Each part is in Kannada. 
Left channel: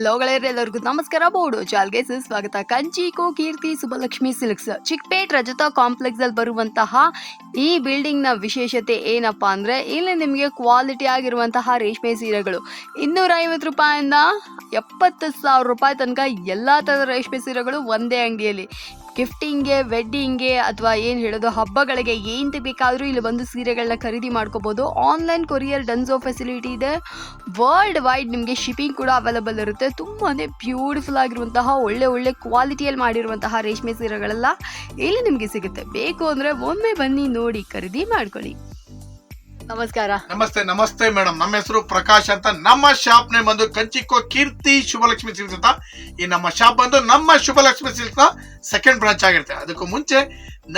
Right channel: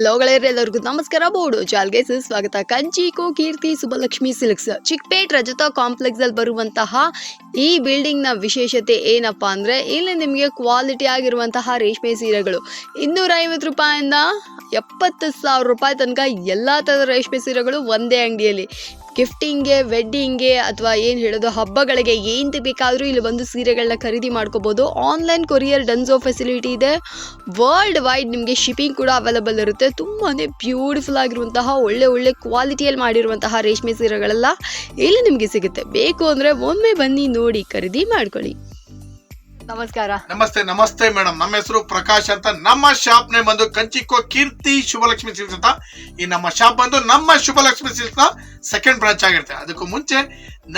ಎಲ್ಲರಿಗೂ ನಮಸ್ಕಾರ. ಬೋರ್ಡು ಚಾಲ್ಗೆ ಸ್ವಾಗತ ಕಂಚಿಕೋ ಕೀರ್ತಿ ಸುಬ್ಬಲಕ್ಷ್ಮಿ ಸಿಲ್ಕ್ಸ್, ಚಿಕ್ಪೇಟ್, ರಜತ ಕಾಂಪ್ಲೆಕ್ಸ್ ಅಲ್ಲಿ ಬರುವಂತಹ ಈ ಬಿಲ್ಡಿಂಗ್ನ ವಿಶೇಷತೆ ಏನಪ್ಪಾ ಅಂದ್ರೆ ಇಲ್ಲಿ ನಿಮಗೆ ಕ್ವಾಲಿಟಿ ಆಗಿರುವಂತಹ ರೇಷ್ಮೆ ಸೀರೆಗಳು. ಇನ್ನೂರ ಐವತ್ತು ರೂಪಾಯಿಂದ ಎಪ್ಪತ್ತು ಸಾವಿರ ರೂಪಾಯಿ ತನಕ ಎಲ್ಲಾ ತರದ ರೇಷ್ಮೆ ಸೀರೆಗಳು ಒಂದೇ ಅಂಗಡಿಯಲ್ಲಿ. ಗಿಫ್ಟಿಂಗ್ಗೆ ವೆಡ್ಡಿಂಗ್ಗೆ ಅಥವಾ ಏನು ಹೇಳೋದು, ಹಬ್ಬಗಳಿಗೆ ಏನು ಬೇಕಾದರೂ ಇಲ್ಲಿ ಬಂದು ಸೀರೆಗಳನ್ನ ಖರೀದಿ ಮಾಡ್ಕೋಬೋದು. ಆನ್ಲೈನ್ ಕೊರಿಯರ್ ಡನ್ಸೋ ಫೆಸಿಲಿಟಿ ಇದೆ. ವರ್ಲ್ಡ್ ವೈಡ್ ನಿಮಗೆ ಶಿಪ್ಪಿಂಗ್ ಕೂಡ ಅವೈಲಬಲ್ ಇರುತ್ತೆ. ತುಂಬಾ ಬ್ಯೂಟಿಫುಲ್ ಆಗಿರುವಂತಹ, ಒಳ್ಳೆ ಒಳ್ಳೆ ಕ್ವಾಲಿಟಿಯಲ್ಲಿ ಮಾಡಿರುವಂತಹ ರೇಷ್ಮೆ ಸೀರೆಗಳೆಲ್ಲ ಇಲ್ಲಿ ನಿಮಗೆ ಸಿಗುತ್ತೆ. ಬೇಕು ಅಂದರೆ ಒಮ್ಮೆ ಬನ್ನಿ ನೋಡಿ, ಖರೀದಿ ಮಾಡ್ಕೊಳ್ಳಿ. ನಮಸ್ಕಾರ. ನಮಸ್ತೆ ನಮಸ್ತೆ ಮೇಡಮ್. ನಮ್ಮ ಹೆಸರು ಪ್ರಕಾಶ್ ಅಂತ. ನಮ್ಮ ಶಾಪ್ ನೇ ಬಂದು ಕಂಚಿಕೋ ಕೀರ್ತಿ ಶುಭಲಕ್ಷ್ಮಿ ಸಿಲ್ಕ್ಸ್ ಅಂತ. ಈ ನಮ್ಮ ಶಾಪ್ ಬಂದು ನಮ್ಮ ಶುಭಲಕ್ಷ್ಮಿ ಸಿಲ್ಕ್ಸ್ನ ಸೆಕೆಂಡ್ ಬ್ರಾಂಚ್ ಆಗಿರುತ್ತೆ. ಅದಕ್ಕೂ ಮುಂಚೆ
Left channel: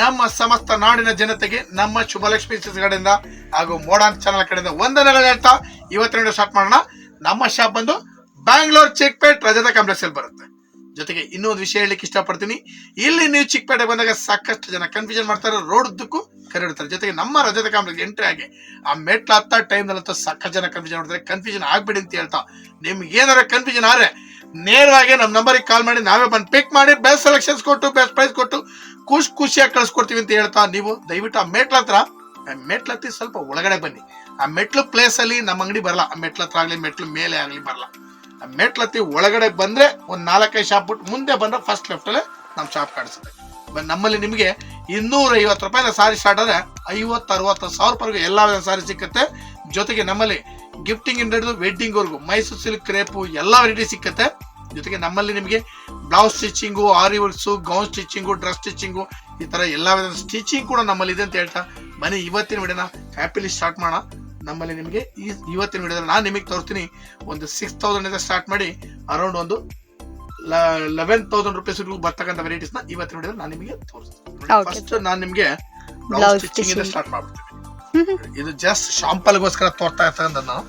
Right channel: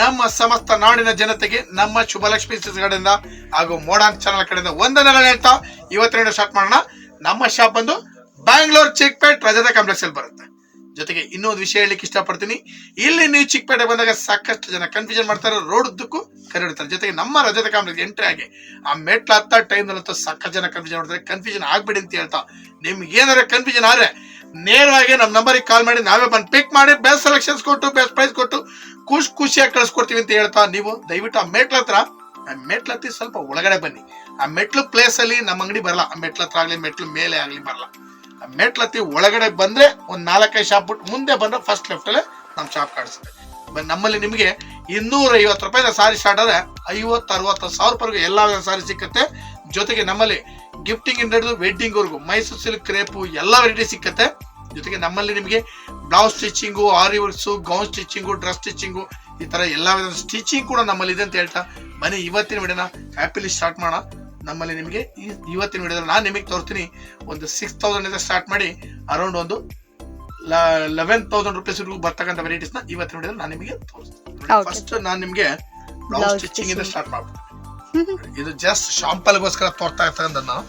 ನಮ್ಮ ಸಮಸ್ತ ನಾಡಿನ ಜನತೆಗೆ ನಮ್ಮ ಶುಭಲಕ್ಷ್ಮಿ ಸಿಲ್ಕ್ಸ್ ಕಡೆಯಿಂದ ಹಾಗೂ ಮೋಡಾನ್ ಚಾನಲ್ ಕಡೆಯಿಂದ ವಂದನೆಗಳು ಹೇಳ್ತಾ ಇವತ್ತೆರಡು ಸ್ಟಾರ್ಟ್ ಮಾಡೋಣ. ನಮ್ಮ ಶಾಪ್ ಬಂದು ಬ್ಯಾಂಗ್ಳೂರ್ ಚಿಕ್ಪೇಟ್ ರಜತ ಕಾಂಪ್ಲೆಕ್ಸ್ ಅಲ್ಲಿ ಬರುತ್ತೆ. ಜೊತೆಗೆ ಇನ್ನೊಂದು ವಿಷಯ ಹೇಳಲಿಕ್ಕೆ ಇಷ್ಟಪಡ್ತೀನಿ. ಇಲ್ಲಿ ನೀವು ಚಿಕ್ಕಪೇಟೆ ಬಂದಾಗ ಸಾಕಷ್ಟು ಜನ ಕನ್ಫ್ಯೂಷನ್ ಮಾಡ್ತಾರೆ ರೋಡ್ ಉದ್ದಕ್ಕೂ ಕರೆಡ್ತಾರೆ ಜೊತೆಗೆ ನಮ್ಮ ರಜತ ಕಾಂಪ್ಲೆಕ್ಸ್ ಎಂಟ್ರಿ ಆಗಿ ಆ ಮೆಟ್ಲು ಹತ್ತ ಟೈಮ್ನಲ್ಲಂತೂ ಸಾಕಷ್ಟು ಜನ ಕನ್ಫ್ಯೂಷನ್ ಮಾಡ್ತಾರೆ. ಕನ್ಫ್ಯೂಷನ್ ಆಗ್ಬಿಡಿ ಅಂತ ಹೇಳ್ತಾ, ನಿಮ್ಗೆ ಏನಾರ ಕನ್ಫ್ಯೂಷನ್ ಆದರೆ ನೇರವಾಗಿ ನಮ್ಮ ನಂಬರಿಗೆ ಕಾಲ್ ಮಾಡಿ, ನಾವೇ ಬಂದು ಪಿಕ್ ಮಾಡಿ ಬೆಸ್ಟ್ ಸೆಲೆಕ್ಷನ್ಸ್ ಕೊಟ್ಟು ಬೆಸ್ಟ್ ಪ್ರೈಸ್ ಕೊಟ್ಟು ಖುಷಿ ಖುಷಿಯಾಗಿ ಕಳಿಸ್ಕೊಡ್ತೀವಿ ಅಂತ ಹೇಳ್ತಾ, ನೀವು ದಯವಿಟ್ಟು ಆ ಮೆಟ್ಲ ಹತ್ರ ಮೆಟ್ಲ ಹತ್ತಿ ಸ್ವಲ್ಪ ಒಳಗಡೆ ಬನ್ನಿ. ಆ ಮೆಟ್ಲು ಪ್ಲೇಸ್ ಅಲ್ಲಿ ನಮ್ಮ ಅಂಗಡಿ ಬರಲ್ಲ. ಆ ಮೆಟ್ಲ ಹತ್ರ ಆಗಲಿ, ಮೆಟ್ಲು ಮೇಲೆ ಆಗಲಿ ಬರಲ್ಲ. ಆ ಮೆಟ್ಲ ಹತ್ತಿ ಒಳಗಡೆ ಬಂದ್ರೆ ಒಂದ್ ನಾಲ್ಕೈದು ಶಾಪ್ ಬಿಟ್ಟು ಮುಂದೆ ಬಂದ್ರೆ ಫಸ್ಟ್ ಲೆಫ್ಟ್ ಅಲ್ಲೇ ನಮ್ಮ ಶಾಪ್ ಕಾಣಿಸುತ್ತೆ. ನಮ್ಮಲ್ಲಿ ನಿಮಗೆ ಇನ್ನೂರ ಐವತ್ತು ರೂಪಾಯಿ ಸಾರಿ ಸ್ಟಾರ್ಟ್ ಆದರೆ ಐವತ್ತು, ಅರವತ್ತು ಸಾವಿರ ರೂಪಾಯಿ ಎಲ್ಲ ಸಾರಿ ಸಿಕ್ಕತ್ತೆ. ಜೊತೆಗೆ ನಮ್ಮಲ್ಲಿ ಗಿಫ್ಟಿಂಗ್ ಇಂದ ಹಿಡಿದು ವೆಡ್ಡಿಂಗ್ವರೆಗೂ ಮೈಸೂರು ಸಿಲ್ಕ್ ಕ್ರೇಪು ಎಲ್ಲ ವೆರೈಟಿ ಸಿಕ್ಕತ್ತೆ. ಜೊತೆಗೆ ನಮ್ಮಲ್ಲಿ ನಿಮಗೆ blouse stitching aari works gown stitching dress stitching ಈ ತರ ಎಲ್ಲ ವಿಧದ ಸ್ಟಿಚಿಂಗ್ ಕೂಡ ನಮ್ಮಲ್ಲಿ ಇದೆ ಅಂತ ಹೇಳ್ತಾ ಮನೆ ಇವತ್ತಿನ ವಿಡಿಯೋನ ಹ್ಯಾಪಿಲಿ ಸ್ಟಾರ್ಟ್ ಮಾಡೋಣ. ನಮ್ಮಲ್ಲಿ ನಿಮಗೆ ಈ ಇವತ್ತಿನ ವಿಡಿಯೋದಲ್ಲಿ ನಾನು ನಿಮಗೆ ತೋರಿಸ್ತೀನಿ ಒಂದು ಸಿಕ್ಸ್ ತೌಸಂಡ್ ಇಂದ ಸ್ಟಾರ್ಟ್ ಮಾಡಿ ಅರೌಂಡ್ ಒಂದು ಲೆವೆನ್ ತೌಸಂಡ್ ರುಪೀಸ್ ಬರ್ತಕ್ಕಂಥ ವೆರೈಟೀಸ್ನ ಇವತ್ತಿನ ವಿಡಿಯೋದಲ್ಲಿ ನಾನು ನಿಮಗೆ ತೋರಿಸ್ತೀನಿ. ಫಸ್ಟ್ ನಾನು ನಿಮಗೆ ಬ್ಲೌಸ್ ಸ್ಟಿಚಿಂಗ್ ಇಂದ ಸ್ಟಾರ್ಟ್ ಮಾಡ್ಬಿಡ್ತೀನಿ. ಇದು ಜಸ್ಟ್ ಶಾಂಪಲ್ಗೋಸ್ಕರ ತೋರ್ತಾ ಇರ್ತಕ್ಕಂಥ ನಾವು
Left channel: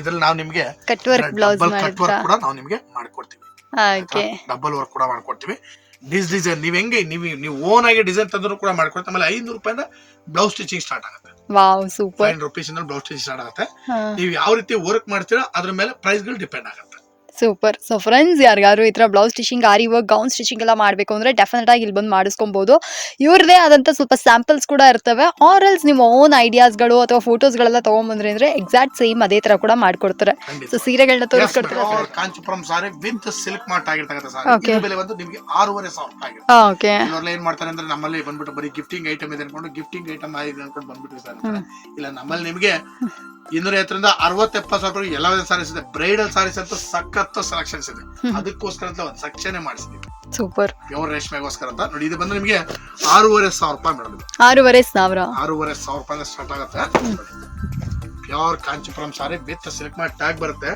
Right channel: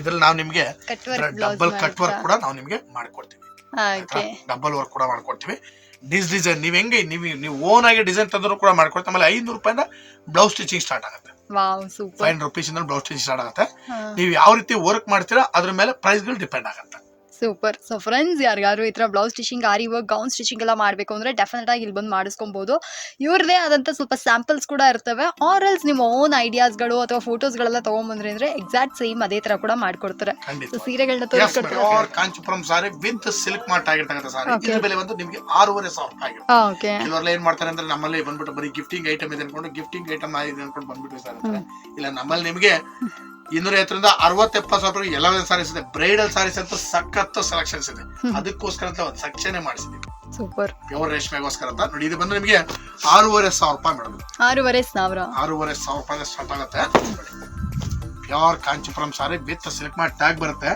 ಇದ್ರಲ್ಲಿ ನಾವು ನಿಮಗೆ ಡಬಲ್ ಕಟ್ ವರ್ಕ್ ಕೂಡ ನಾವು ನಿಮಗೆ ಮಾಡ್ಕೊಡ್ತೀವಿ. ಡಬಲ್ ವರ್ಕ್ ಕೂಡ ಮಾಡ್ಕೊಡ್ತೀವಿ. ಡಿಸ್ ಡಿಸೈನ್ ನೀವ್ ಹೆಂಗೆ ನೀವು ನೀವು ಓನ್ ಆಗಿ ಡಿಸೈನ್ ತಂದ್ರು ಕೂಡ ಮಾಡ್ಕೊಡ್ತೀವಿ. ಆಮೇಲೆ ಐನೂರು ರೂಪಾಯಿಂದ ಬ್ಲೌಸ್ ಸ್ಟಿಚಿಂಗ್ ಸ್ಟಾರ್ಟ್ ಆಗುತ್ತೆ. ವಾವ್ ಸೂಪರ್ ಫೈವ್ ರುಪೀಸ್ ಇಂದ ಬ್ಲೌಸ್ ಸ್ಟಿಚ್ ಸ್ಟಾರ್ಟ್ ಆಗುತ್ತೆ. ನೀವು ಯಾವ ರೀತಿ ವರ್ಕ್ ಮಾಡ್ತೀರಾ ಅದ್ರ ಮೇಲೆ ಪ್ರೈಸ್ಗಳು ಡಿಪೆಂಡ್ ಆಗುತ್ತೆ. ಸೂಪರ್ ಸೊ ಫ್ರೆಂಡ್ಸ್ ಯಾರಿಗಾದ್ರು ಈ ಥರ blouse stitching aari work gown stitching ಎಲ್ಲ ಮಾಡಬೇಕು ಅಂದರೆ ಡೆಫಿನೆಟ್ ಆಗಿ ಇಲ್ಲಿ ಬಂದು ಮಾಡಿಸ್ಕೊಬೋದು. ಇವ್ರದೇ ಆದಂಥ ಸ್ವಲ್ಪ ಸ್ಯಾಂಪಲ್ಸ್ ಕೂಡ ಇರ್ತವೆ. ಆರ್ ಎಲ್ಸ್ ನಿಮ್ಮ ಓನ್ ಐಡಿಯಾಸ್ಗಳು ಅಥವಾ ಫೋಟೋಸ್ಗಳೆಲ್ಲ ತೊಗೊಂಬಂದ್ರೆ ಅಂದರೆ ಎಕ್ಸಾಕ್ಟ್ ಸೇಮ್ ಅದೇ ಥರ ಕೂಡ ಮಾಡಿಕೊಡ್ತಾರೆ. ಸೊ ಸೀರೆಗಳನ್ನ ತೋರಿಸ್ಕೊಡ್ತಾರೆ Kanchipuram sari with silk mark ಆಗಿರ್ತಕ್ಕಂಥ ಸಾರಿ. ಇದ್ರ ಬೆಲೆ ಬಂದು ನಿಮಗೆ ಆರೂವರೆ ಸಾವಿರ ರೂಪಾಯಿ ಓಕೆ ಇವರೆಲ್ಲ ಏನ್ ಮಾಡ್ತಾರೆ ಅಂದ್ರೆ ನಮ್ಮಲ್ಲಿ ಬಂದ್ಬಿಟ್ಟು ಬರೀ ಗಿಫ್ಟಿಂಗ್ ಐಟಮ್ ಇದೆ ಅನ್ಕೊಂಡು ಗಿಫ್ಟಿಂಗ್ ಐಟಮ್ ಆಗಿದೆ ಅನ್ಕೊಂಡು ಬಂದ್ಬಿಟ್ಟು ಸರ್. ಇಲ್ಲ ನಮ್ಮಲ್ಲಿ ನಿಮಗೆ ಇನ್ನೂರ ಐವತ್ತರಿಂದ ಅರವತ್ತು ಎಪ್ಪತ್ತು ಸಾವಿರ ರೂಪಾಯಿ ಎಲ್ಲ ಸಾರೀಸ್ ಇದೆ. ಬ್ರೈಡಲ್ ಸಾರೀಸ್ ಅಂತ ಸಖತ್ ಸೆಲೆಕ್ಷನ್ಸ್ ಇದೆ. ಅದಕ್ಕೋಸ್ಕರ ಅಂತ ಒಂದು ಸೆಕ್ಷನ್ ಮಾಡಿಸಿದ್ವಿ. ಸೂಪರ್ ಪ್ಯೂರ್ ರೇಷ್ಮೆಗೋಸ್ಕರ ಅಂತ. ನೋಡಿ ಇದು ಬಂದ್ರೆ ನಿಮಗೆ ಆರೂವರೆ ಸಾವಿರ ರೂಪಾಯಿ ಮೇಡಮ್. ಆರೂವರೆ ಸಾವಿರ. ಆರೂವರೆ ಸಾವಿರ ರೂಪಾಯಿ ಸ್ಟಾರ್ಟ್ ಆಗುತ್ತೆ. Pure Kanchipuram sari with silk ಮಾಡಿ ಟ್ಯಾಗ್ ಬರುತ್ತೆ.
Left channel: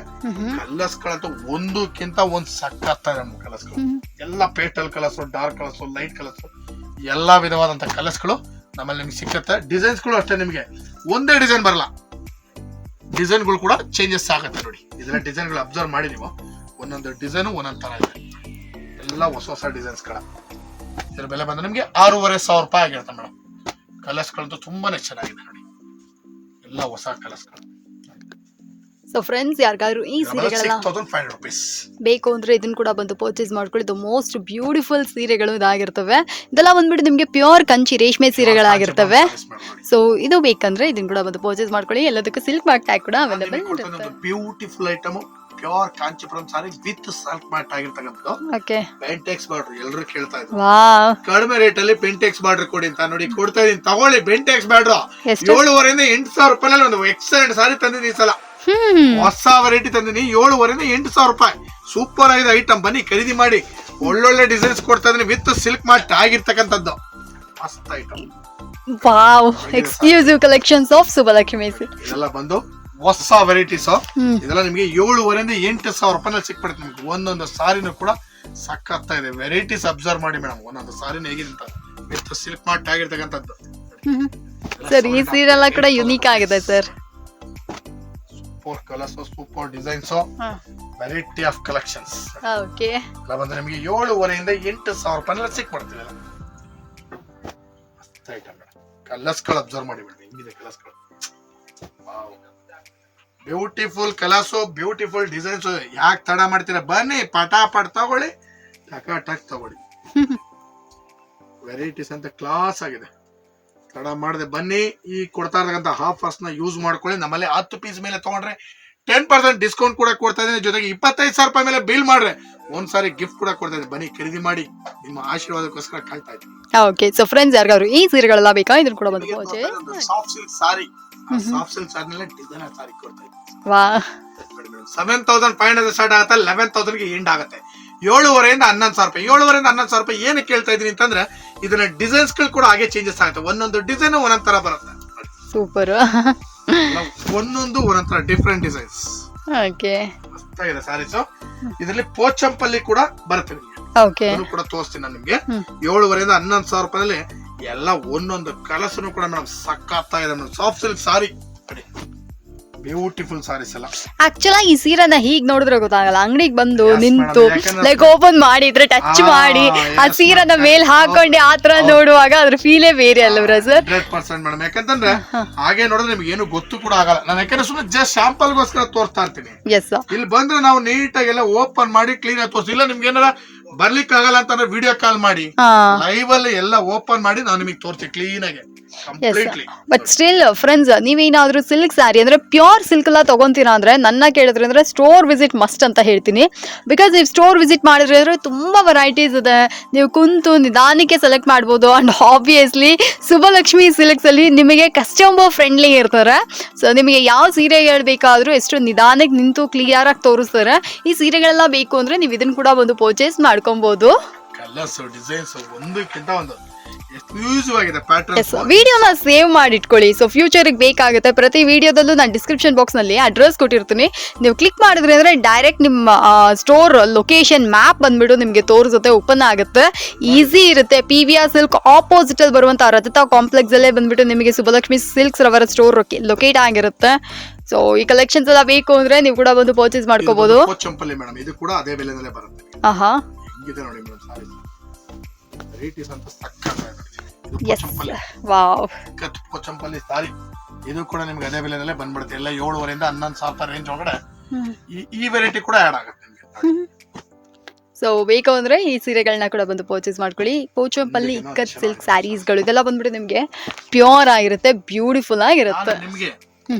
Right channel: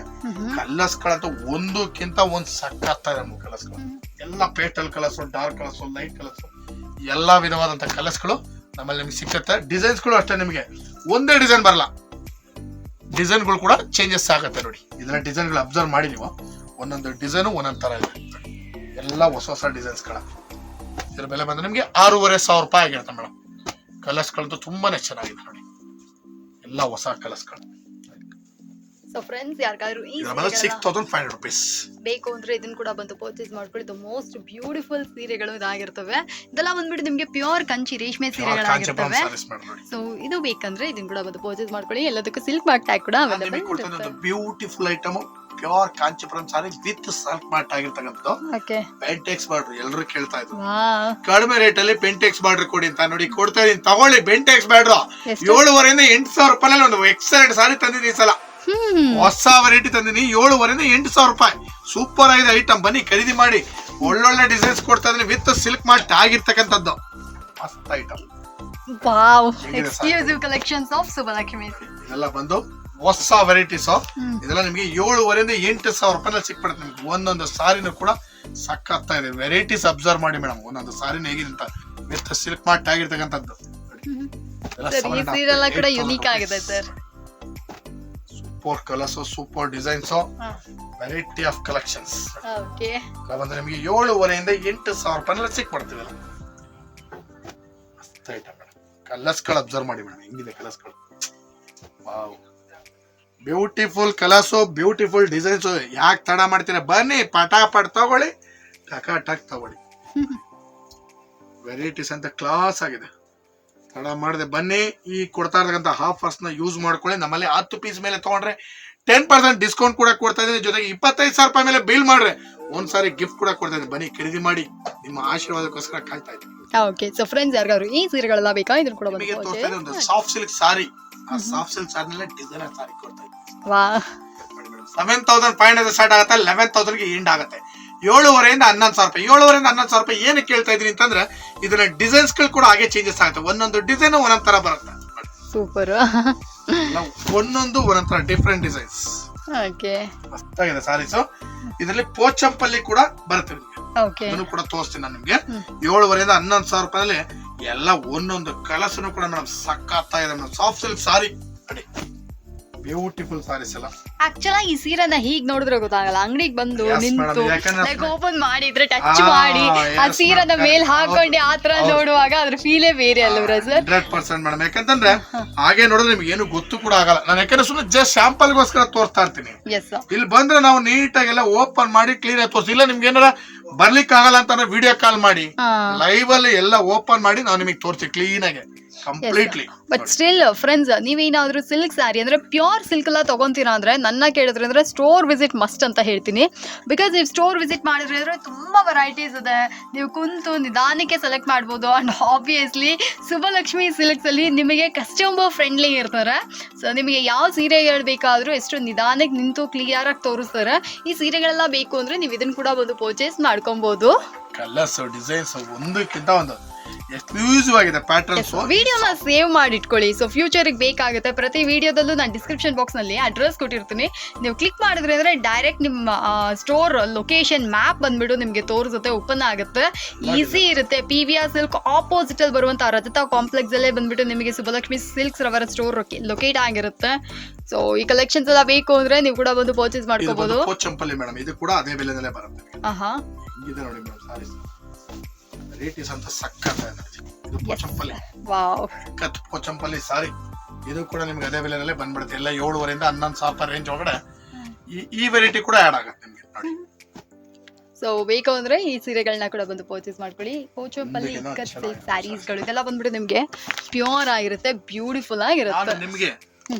ಕಲರ್ಸ್ಗಳಂತೂ ಒಂದಕ್ಕಿಂತ ಒಂದ್ ಸಖತ್ ಇದೆ ಕಲರ್ಸ್ಗಳು. ಎಲ್ಲ pastel colours dark colours light colours ಎಲ್ಲಾ ವಿಧವಾದಂತ ಕಲರ್ಸ್ಗಳು ನಮ್ಮಲ್ಲಿ ನಿಮ್ಗೆ ಸಿಕ್ಕತ್ತೆ. ಡಿಸೈನ್ಸ್ಗಳು ಅಷ್ಟೇ ನಿಮಗೆ. ಒಂದೇ ಡಿಸೈನ್ ಬರಲ್ಲ. ಡಿಸೈನ್ಗಳು ಕೂಡ ಚೇಂಜಸ್ ಆಗುತ್ತೆ ನೋಡಿ. ಇದನ್ನ ಡಿಸೈನ್ಗಳು ಅಬ್ಸರ್ವ್ ಮಾಡಿ ನೀವು. ಒಂದೊಂದು ಡಿಸೈನು ಒಂದೊಂದು ತರ ಇದೆ ಎಲ್ಲ ಹೊಸ ಹೊಸ ಡಿಸೈನ್ಸ್ಗಳ ಇದ್ರ ಬೆಲೆ ಬಂದ್ರೆ ನಿಮಗೆ ಆರೂವರೆ ಸಾವಿರ ರೂಪಾಯಿ ಆಗಿರುತ್ತೆ ಮೇಡಮ್ ಕಲರ್ಸ್ಗಳಂತೂ ತುಂಬಾನೇ ಚೆನ್ನಾಗಿದೆ ನೋಡಿ. ಎಲ್ಲ ಹೊಸ ಕಲರ್ಸ್ಗಳು. ಸೊ ಫ್ರೆಂಡ್ಸ್ ಯಾರಿಗಾದ್ರೂ ಈ ಸೀರೆಗಳನ್ನ ಬೇಕು ಅಂದ್ರೆ ಇದನ್ನ ಕೂಡ ಬಂದು ಪರ್ಚೇಸ್ ಮಾಡ್ಕೊಳ್ಳಿ. ದ ಮೋಸ್ಟ್ ಬ್ಯೂಟಿಫುಲ್ ಸೀರೆಗಳು ಇದಾಗಿರ್ತವೆ. ಇದೆಲ್ಲ ಬಂದ್ಬಿಟ್ಟು ನಿಮಗೆ ಪ್ಯೂರ್ ಕಂಚಿ ರೇಷ್ಮೆ ಸೀರೆಗಳಾಗಿರ್ತವೆ ಸೊ ಇದು ಬೇಕಂದ್ರೆ ಇದನ್ನ ಕೂಡ ಬಂದು ಪರ್ಚೇಸ್ ಮಾಡ್ಕೊಳ್ಳಿ. ಎಲ್ಲದಕ್ಕೂ ಸಿಲ್ಕ್ ಮಾರ್ಕ್ ಟ್ಯಾಗ್ ಕೂಡ available beautiful item pure Kanchipuram sari with silk mark ಆಗಿರ್ತಕ್ಕಂಥದ್ದು. ಓಕೆ ಬೆಂಟೆಕ್ಸ್ ಬಾರ್ಡ್ರ್ ಎಲ್ಲರೂ ಕೇಳ್ತಾ ಇದ್ರು. ಕಡಿಮೆ ರೇಟ್ ಅಲ್ಲಿ ಬೆಂಟೆಕ್ಸ್ ಬಾರ್ಡ್ರ್ ಕೊಡಿ ಅಂತ ನೋಡಿ ಕೊಡ್ತಾ ಇದೀನಿ. ತಗೊಳ್ಳಿ ಬೆಂಟೆಕ್ಸ್ ಬಾರ್ಡ್ರ್ ಏಳುವರೆಯಿಂದ ಎಂಟು ಸಾವಿರ ರೂಪಾಯಿ ಒಂದು ಎಕ್ಸಲೆಂಟ್ ಸಾರಿ ತಂದಿದ್ದೀನಿ ಸಲ. ಹೊಸ ವೆರೈಟಿ ತಂದಿನಿ ಏಳುವರೆಯಿಂದ ಎಂಟು ಸಾವಿರ ರೂಪಾಯಿ. ಸೂಪರ್ ಆಗಿದೆ ಐಟಮ್ ಬನ್ನಿ ಖರೀದಿ ಮಾಡಿ. ಒಳ್ಳೊಳ್ಳೆ ಡಿಸೈನ್ಸ್ ಕೊಡ್ತಾ ಇದೀನಿ ವಿತ್ ಸಿಲ್ಕ್ ಮಾರ್ಟ್ ಆಗಿರ್ತಕ್ಕಂಥದ್ದು. ಮಸ್ತ್ item wow. Exclusive collections of Subbalakshmi ಇದೆಲ್ಲ ಬಂದು ಹೊಸ ವೆರೈಟೀಸ್ ಆಫ್ ಇದೆಲ್ಲ ನಿಮಗೆ ಏಳುವರೆಯಿಂದ ಎಂಟು ಸಾವಿರ ರೂಪಾಯಿ ಸಿಕ್ಬಿಡುತ್ತೆ ನಿಮ್ಗೆ. ಒಂದೊಂದು ಸಾರಿನೂ ಕೂಡ ಸಕ್ಕತ್ತಾ ಇದೆ ವೆರೈಟೀಸ್ ಅಬ್ಸರ್ವ್ ಮಾಡಿ ಮೇಡಮ್. ಒಂದೊಂದು ಸಾರಿನ ಹೇಗಿದೆ ಅಂತ. ವಿತ್ ಸಿಲ್ಕ್ ಮಾರ್ಟ್ ಆಗಿರ್ತಕ್ಕಂಥದ್ದು. ಸರ್ ಈ ಸೀರೆಲ್ಲ ಕೂಡ ಯುನೀಕ್ ಆಗಿದೆ sir super colours super designs variety of collections okay ಬಂದ್ರೆ ನಿಮಗೆ ಏಳುವರೆಯಿಂದ ಎಂಟು ಸಾವಿರ ರೂಪಾಯಿ ಸಿಕ್ಬಿಡ್ತೀವಿ. ಮಸ್ತ್ ಐಟಮ್ ಮೇಡಮ್ ಕಲರ್ಸ್ಗಳು ಅಬ್ಸರ್ವ್ ಮಾಡಿ ಮೇಡಮ್ ಹೆಂಗಿದೆ ಕಲರ್ಸ್ಗಳು wow beautiful colours beautiful designs ಯಾಕೆ ತಡ ಮಾಡ್ತೀರಾ? ಬನ್ನಿ ಪಟಾಪಟ್ ತಗೊಳ್ಳಿ ಟಕ ಟಕ್ ತಗೊಳ್ಳಿ. ವೆರೈಟೀಸ್ ಅಂತ ಕ್ಲಾಸ್ ಆಗಿದೆ. ತಡ ಮಾಡದೆ. ಬನ್ನಿ ಈ ಕೊಡ್ತಾ ಇರ್ತಕ್ಕಂಥ ಹಾಫ್ನ ಯೂಸ್ ಮಾಡ್ಕೊಳ್ಳಿ. ನಮ್ಮಲ್ಲಿ ಹತ್ತು ಪೀಸ್ ಮೇಲೆ ತಗೊಂಡ್ರೆ ಟೆನ್ ಪರ್ಸೆಂಟ್ ಡಿಸ್ಕೌಂಟ್ ಕೂಡ ಕೊಡ್ತಾ ಇದ್ದೀನಿ. ಜೊತೆಗೆ ಇಪ್ಪತ್ತೈದು ಸಾವಿರ ರೂಪಾಯಿ ಮೇಲೆ ಬಿಲ್ ಮಾಡ್ರೆ ಒಂದ್ಸಾರಿ ಗಿಫ್ಟ್ ಕೂಡ ಕೊಡ್ತಾ ಇದ್ದೀನಿ. ಬನ್ನಿ ಖರೀದಿ ಮಾಡಿ. ನಿಮ್ಮ ಆಶೀರ್ವಾದಕ್ಕೋಸ್ಕರ ಕಾಯ್ತಾ ಇದ್ದೀನಿ. ಓಕೆ ಸೊ ಫ್ರೆಂಡ್ಸ್ ಯಾರಿಗಾದ್ರು ಈ ಸೀರೆಗಳೆಲ್ಲ ಬೇಕಾ? ಇದನ್ನ ಕೂಡ ಬಂದು soft silk sari soft silk ಸಾರಿನೆಲ್ಲ designer sari ಕೊಡ್ತಾ ಇದ್ದೀನಿ. ವಾ seven thousand five hundred start ಆಗುತ್ತೆ ಲೆವೆನ್ ತೌಸಂಡ್ಗೆ ಎಂಡ್ ಆಗುತ್ತೆ. ಏಳುವರೆಯಿಂದ ಹನ್ನೊಂದು ಸಾವಿರ ರೂಪಾಯಿ. ಏಳುವರೆಯಿಂದ ಹನ್ನೊಂದು ಸಾವಿರ ರೂಪಾಯಿ ಏನಕ್ಕೆ ಕೇಳ್ತಾ ಇದೀನಿ ಅಂತಂದ್ರೆ ಇದನ್ನ ಡಿಸೈನ್ಸ್ಗಳು ಕೂಡ ಹಾಗೆ ಚೇಂಜಸ್ ಆಗುತ್ತೆ. ಒಂದೊಂದು ಡಿಸೈನ್ ಒಂದೊಂದ್ ತರ ಬರುತ್ತೆ. ಸೂಪರ್ ಒಂದೊಂದು ಒಂದೊಂದ್ ತರ ಡಿಫ್ರೆಂಟ್ ಡಿಸೈನ್ಸ್ ಓಕೆ ಮಸ್ತಾಗಿದೆ ಸಾರೀಸ್ ಇದರಲ್ಲಿ ಪೋಚಂಪಲ್ಲಿ ಕೂಡ ಬರುತ್ತೆ ನಿಮ್ಗೆ. ಓಕೆ ಅದನ್ನು ಕೂಡ ತೋರಿಸ್ತೀನಿ ನಾನು ನಿಮಗೆ. ಏಳುವರೆಯಿಂದ ಹನ್ನೊಂದು ಸಾವಿರ ರೂಪಾಯಲ್ಲಿ ಎಲ್ಲ ಒಂದೊಂದು ಕಲಸನು ಕೂಡ ಮೇಡಮ್ ಇದೆ ಮೇಡಮ್ ಸಾಫ್ಟ್ ಸಿಲ್ಕ್ ಸಾರಿ. ನೋಡಿ. ಬ್ಯೂಟಿಫುಲ್ ಸಾರೀಸ್ ಎಲ್ಲ. ಆಕ್ಚುಲಿ ಈ ಸೀರೆನ ಹೀಗ್ ನೋಡಿದ್ರೆ ಗೊತ್ತಾಗಲ್ಲ. ಅಂಗಡಿಗೆ ಬಂದು Yes, ನಿಂತು ಯಾಕಂದ್ರೆ- ಲೈಕ್ ಓಪನ್ ಮಾಡಿದ್ರೆ ಟಚ್ ಆ, ಮಾಡಿ ಆ ಸೀರೆನ madam. ಮೇಲ್ ಹಾಕೊಂಡು ಆತರ ತರ ಹೌದು. ನೋಡುವಾಗ ಅದ್ರ ಫೀಲೇ ಬೇರೆ ಅಲ್ಲ ಸರ್ ಹಂಡ್ರೆಡ್ ಪರ್ಸೆಂಟ್ ಮೇಡಮ್ ಯಾಕಂತಂದ್ರೆ ಹಾಗೆ ನೋಡಿದ್ರೆ ನಿಮ್ಗೆ ಏನು ಗೊತ್ತು ಕೂಡ ಆಗಲ್ಲ. ನಾನು ಯಾಕಂದ್ರೆ ಸುಮ್ಮನೆ ಜಸ್ಟ್ ಸ್ಯಾಂಪಲ್ ಗೋಸ್ಕರ ತೋರಿಸ್ತಾ ಇರ್ತೀನಿ. ಎಸ್ ಇಲ್ಲಿ ಬಂದ್ರೆ ನಾವು ನೀಟಾಗೆಲ್ಲ ಓಪನ್ ಮಾಡಿ ಕ್ಲೀನ್ ಆಗಿ ತೋರಿಸಿ. ಇಲ್ಲ ನಿಮ್ಗೆ ಏನಾರ ಬರ್ಲಿಕ್ಕೆ ಆಗಲ್ಲ ಅಂತಂದ್ರೆ ವಿಡಿಯೋ ಕಾಲ್ ಮಾಡಿ. ಹಾ. ಲೈವ್ ಅಲ್ಲಿ ಎಲ್ಲ ಓಪನ್ ಮಾಡಿ ನಾನು ನಿಮಗೆ ತೋರಿಸಿ ಕ್ಲೀನ್ ಆಗಿ. ಬಟ್ ಸ್ಟಿಲ್ ಫ್ರೆಂಡ್ಸ್ ನೀವೇನಾದ್ರೂ ಸಿಲ್ಕ್ ಸ್ಯಾರಿ ಅಂದ್ರೆ ಪ್ಯೂರ್ ಸಿಲ್ಕ್ ಎಲ್ಲ ತಗೊಂತೀರಾ ಅಂದ್ರೆ ನನ್ನ ಕೇಳಿದ್ರೆ ಅಂದ್ರೆ ಸ್ಟೋರ್ ವಿಸಿಟ್ ಮಸ್ಟ್ ಅಂತ ಹೇಳ್ತೀನಿ. ಬಿಕಾಸ್ ನೀವು ಸ್ಟೋರ್ ವಿಸಿಟ್ ಮಾಡಿದ್ರೆ ಅಂದ್ರೆ ತುಂಬಾ ವೆರೈಟೀಸ್ ಇದೆ. ನೀವು ಕುಂತು ನಿಧಾನಕ್ಕೆ ಸೆಲೆಕ್ಟ್ ಮಾಡ್ಬೋದು. ಅಂಡ್ ಆಬ್ವಿಯಸ್ಲಿ ಸುಭಲಕ್ಷ್ಮಿ ಸಿಲ್ಕ್ಸ್ ಅಲ್ಲಿ ನಿಮಗೆ ಕಸ್ಟಮರ್ ಫ್ರೆಂಡ್ಲಿ ಇರ್ತಾರೆ. ಸೊ ನಿಮಗೆ ಯಾವ ಸೀರೆಗಳು ಬೇಕಾದ್ರೂ ಎಷ್ಟು ನಿಧಾನಕ್ಕೆ ನಿಂತು ಕ್ಲಿಯರ್ ಆಗಿ ತೋರಿಸ್ತಾರೆ. ಈ ಸೀರೆಗಳೆಲ್ಲ ಬೇಕು ಅಂದ್ರೆ ನೀವು ಇದನ್ನ ಕೂಡ ಒಂದು ಪರ್ಚೇಸ್ ಮಾಡ್ಕೊಬಹುದು ಕಲರ್ಸ್ ಡಿಸೈನ್ಸ್ ಒಂದಕ್ಕಿಂತ ಒಂದು. ಆಗಿದೆ ಪ್ಯಾಟರ್ನ್ಸ್ ವಿಡಿಯೋನ ಸೇವ್ ಮಾಡಿ ಇಟ್ಕೊಳ್ಳಿ ಸೊ ಫ್ಯೂಚರ್ಗೆ ಬೇಕಾಗುತ್ತೆ ಪ್ರತಿ ವಿಡಿಯೋದಲ್ಲೂ ನಾನು ಡಿಸ್ಕ್ರಿಪ್ಷನ್ ಬಾಕ್ಸ್ನಲ್ಲಿ ಅಡ್ರೆಸ್ ಕೊಟ್ಟಿರ್ತೀನಿ. ನೀವು ಕ್ಲಿಕ್ ಮಾಡಿದ್ರೆ ಅಂದರೆ ಡೈರೆಕ್ಟ್ ನಿಮ್ಮ ಸ್ಟೋರ್ ಲೊಕೇಶನ್ ಮ್ಯಾಪ್ ಬಂದ್ಬಿಟ್ಟು ನಿಮಗೆ ತೋರಿಸುತ್ತೆ ಓಪನ್ ಆಗುತ್ತೆ. ಈಸಿ ಇರುತ್ತೆ. ಪಿ ವಿ ಆರ್ ಸಿಲ್ಕ್ ಆಪೋಸಿಟಲ್ಲಿ ಬರುವಂಥ ರಜತಾ ಕಾಂಪ್ಲೆಕ್ಸಲ್ಲೇ ಬಂದ್ಬಿಟ್ಟು ನಿಮಗೆ ಸುಬ್ಬಲಕ್ಷ್ಮಿ ಸಿಲ್ಕ್ಸ್ ರವರ ಸ್ಟೋರ್ ಲೊಕೇಟ್ ಆಗಿರುತ್ತೆ. ಸೊ ಈ ಕಲೆಕ್ಷನ್ಸ್ ಎಲ್ಲ ಬೇಕು ಅಂದ್ರೆ ನೀವು ಕೂಡ ಬಂದು ಪರ್ಚೇಸ್ ಮಾಡ್ಕೋಬಹುದು ಚಂಪಲ್ಲಿ ಮೇಡಮ್ ಇದು ಕೂಡ ಅದೇ ಬೆಲೆನಲ್ಲೇ ಬರುತ್ತೆ. ಆಹಾ. ಇದೆ ನೋಡಿ ಮೇಡಮ್ ಸಾರೀಸ್ ರೇಟೀಸ್ ಅಂತ ಸಕ್ಕತ್ತ ಇದೆ ವಾವ್ ಕತ್ ಪೋಚಂಪಲ್ಲಿ ಸಾರಿ. ಇದು ಕೂಡ ನಿಮ್ಗೆ ಅದೇ ಬೆಲೆನಲ್ಲೇ ಬಂದ್ಬಿಡುತ್ತೆ. ಎಲ್ಲ ಏಳುವರೆಯಿಂದ ಹನ್ನೊಂದು ಸಾವಿರ ರೇಂಜ್ ಒಳಗಡೆ ಈ ಈ ವೆರೈಟಿ ಕೂಡ ಆಡ್ ಆಗುತ್ತೆ ನಿಮಗೆ. ಸೊ ಬೇಕು ಅಂದ್ರೆ ಈ ಸೀರೆಗಳನ್ನ ಕೂಡ ಬಂದು ಪರ್ಚೇಸ್ ಮಾಡ್ಕೊಳ್ಳಿ. ಪೋಚಂಪಲ್ಲಿ ಕಟ್ ಇಕ್ಕತ್ ಸಿಲ್ಕ್ ಸ್ಯಾರೀಸ್ಗಳು ಇದೆಲ್ಲ ಬಂದ್ಬಿಟ್ಟು ನಿಮಗೆ ಪ್ಯೂರ್ ಆಗಿರುತ್ತೆ ಬ್ಯೂಟಿಫುಲ್ ಆಗಿರುತ್ತೆ. ನಿಮ್ಗೆ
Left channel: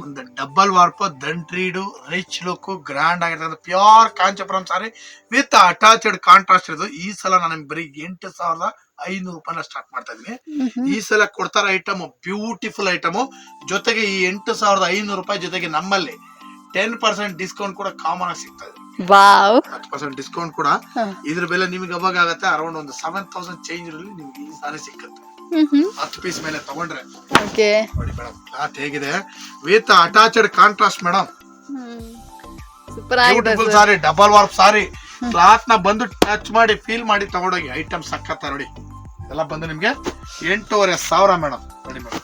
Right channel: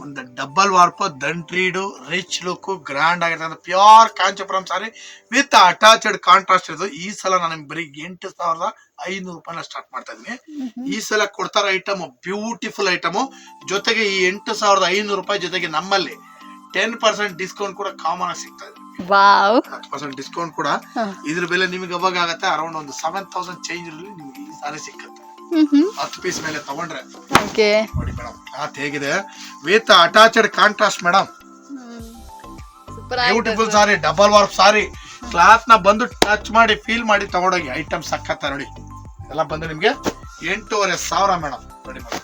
ಒಂದು ಡಬಲ್ ವಾರ್ಪ್ ದಂಟ್ರೀಡು ರಿಚ್ ಲುಕ್ ಗ್ರ್ಯಾಂಡ್ ಆಗಿರ್ತದೆ. Pure Kanchipuram sari with attached contrast ಇರೋದು. ಈ ಸಲ ನಾನು ಬರೀ ಎಂಟು ಸಾವಿರದ ಐನೂರು ರೂಪಾಯಿನ ಸ್ಟಾರ್ಟ್ ಮಾಡ್ತಾ ಇದ್ದೀನಿ. ಈ ಸಲ ಕೊಡ್ತಾರ ಐಟಮ್ ಬ್ಯೂಟಿಫುಲ್ ಐಟಮ್ ಜೊತೆಗೆ ಈ ಎಂಟು ಸಾವಿರದ ಐನೂರು ರೂಪಾಯಿ ಜೊತೆಗೆ ನಮ್ಮಲ್ಲಿ ಟೆನ್ ಪರ್ಸೆಂಟ್ ಡಿಸ್ಕೌಂಟ್ ಕೂಡ ಕಾಮನ್ ಆಗಿ ಸಿಗ್ತಾ ಇದೆ. ಹತ್ತು ಪರ್ಸೆಂಟ್ ಡಿಸ್ಕೌಂಟ್ ಕೂಡ. ಇದ್ರ ಬೆಲೆ ನಿಮಗೆ ಅವಾಗ ಆಗುತ್ತೆ? ಅರೌಂಡ್ ಒಂದು ಸೆವೆನ್ ತೌಸಂಡ್ ಚೇಂಜ್ ನಿಮ್ಗೆ ಈ ಸಾರಿ ಸಿಕ್ಕತ್ತೆ. ಹತ್ತು ಪೀಸ್ ಮೇಲೆ ತಗೊಂಡ್ರೆ. ಓಕೆ. ನೋಡಿ ಮೇಡಮ್ ಕ್ಲಾತ್ ಹೇಗಿದೆ? With attached contrast madam. Beautiful sari. Double warp sari ಕ್ಲಾತ್ನ ಬಂದು ಟಚ್ ಮಾಡಿ ಫೀಲ್ ಮಾಡಿ ತಗೊಂಡೋಗಿ. ಐಟಮ್ ಸಕ್ಕತ್ತ ನೋಡಿ. ಎಲ್ಲ ಬಂದು ನಿಮ್ಗೆ ಎಂಟೂವರೆ ಸಾವಿರ ಮೇಡಮ್. ನೋಡಿ ಮೇಡಮ್.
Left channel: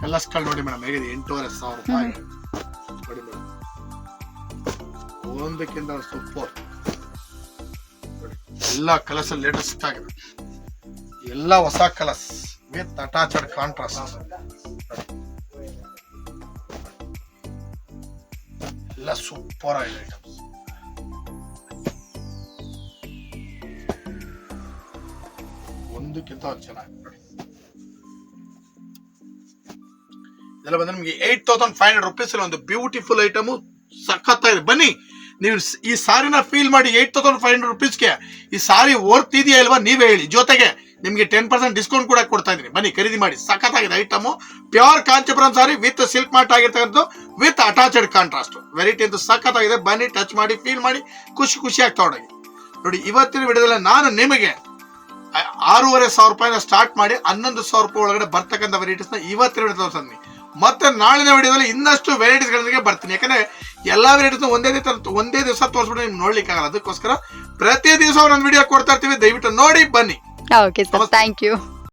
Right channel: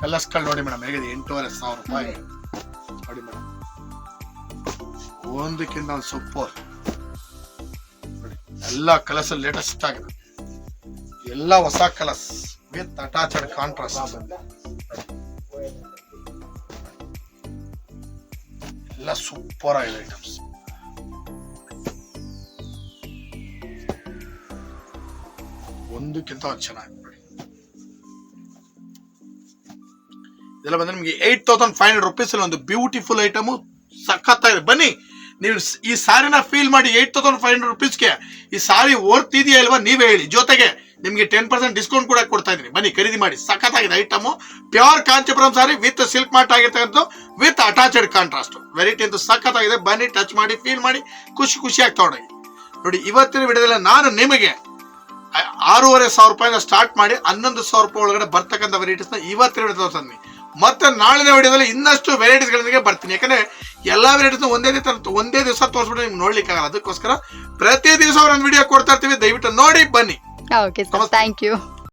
ಕಲರ್ಸ್ಗಳು ನೋಡಿ ಮೇಡಮ್ ಹೇಗಿದೆ? ಎಂಟೂವರೆ ಸಾವಿರ ರೂಪಾಯಿ. ನೋಡಿ ಮೇಡಮ್. ಒಂದಕ್ಕಿಂತ ಒಂದು ಸೂಪರ್ ಎಲ್ಲ ಕಲರ್ಸ್ ಲೇಟೆಸ್ಟ್ ಆಗಿದೆ. ಎಲ್ಲ ಹೊಸ ಕಲರ್ಸ್ ವಿತ್ ಅಟ್ಯಾಚ್ಡ್ ಕಾಂಟ್ರಾಸ್ಟ್ ಎಲ್ಲ ಸೂಪರ್ ಆಗಿದೆ ಐಟಮ್ಸ್ ಒಂದಕ್ಕಿಂತ ಚೆನ್ನಾಗಿ ಇದೆಲ್ಲ ಬಂದ್ರೆ ನಿಮಗೆ eight thousand five hundred rupees ಒಂದು ಬ್ಯೂಟಿಫುಲ್ ಐಟಮು ಸಖತ್ತಾಗಿದೆ. ಬನ್ನಿ, ನೀವು ಈ ಸಾರಿನ ಫೀಲ್ ಮಾಡಿ ಏಟ್ ತೌಸಂಡ್ ಫೈವ್ ಹಂಡ್ರೆಡ್ ರುಪೀಸ್ಗೆ ಈ ಸಾರಿ ವರ್ತ್ ಇದೆಯಾ ನೀವೇ ಹೇಳಿ. ಜೊತೆಗೆ ನಿಮಗೆ ಟೆನ್ ಪರ್ಸೆಂಟ್ ಡಿಸ್ಕೌಂಟ್ ಕೂಡ ಕೊಡ್ತಾ ಇದ್ದೀನಿ. ಬನ್ನಿ, ಖರೀದಿ ಮಾಡಿ. ಸಖತ್ತಾಗಿದೆ item. Pure Kanchipuram sari with silk mark ಆಗಿರ್ತಕ್ಕಂಥ ವಿತ್ ಅಟ್ಯಾಚ್ಡ್ ಕಾಂಟ್ರಾಸ್ಟ್ ವೆರೈಟಿ ಅಂತೂ ಸಖತ್ತಾಗಿದೆ. ಬನ್ನಿ ಟಚ್ ಮಾಡಿ ಫೀಲ್ ಮಾಡಿ. ಖುಷಿ ಖುಷಿಯಾಗಿ ತೊಗೊಂಡೋಗಿ. ನೋಡಿ, ಇವತ್ತಿನ ವಿಡಿಯೋದಲ್ಲಿ ನಾನು ನಿಮಗೆ ಆರೂವರೆ ಸಾವಿರ ರೂಪಾಯಿನ ಸ್ಟಾರ್ಟ್ ಮಾಡಿ ಹನ್ನೊಂದು ಸಾವಿರ ರೂಪಾಯಿ ಒಳಗಡೆ ಬರ್ತಕ್ಕಂಥ ವೆರೈಟೀಸ್ನ ಇವತ್ತಿನ ವಿಡಿಯೋ ತೋರಿಸ್ತೀನಿ. ಮತ್ತೆ ನಾಳಿನ ವಿಡಿಯೋದಲ್ಲಿ ಇನ್ನಷ್ಟು ವೆರೈಟೀಸ್ಗಳೊಂದಿಗೆ ಬರ್ತೀನಿ. ಯಾಕಂದ್ರೆ ಎಲ್ಲಾ ವೆರೈಟೀಸ್ ಒಂದೇ ದಿವಸ ಒಂದೇ ದಿವಸ ತೋರಿಸ್ಬಿಟ್ಟು ನಿಮ್ಗೆ ನೋಡ್ಲಿಕ್ಕೆ ಆಗಲ್ಲ ಅದಕ್ಕೋಸ್ಕರ ಪ್ರತಿ ದಿವಸ ಒಂದೊಂದು ವಿಡಿಯೋ ಕೊಡ್ತಾ ಇರ್ತೀವಿ. ದಯವಿಟ್ಟು ನೋಡಿ, ಬನ್ನಿ. Okay sir thank you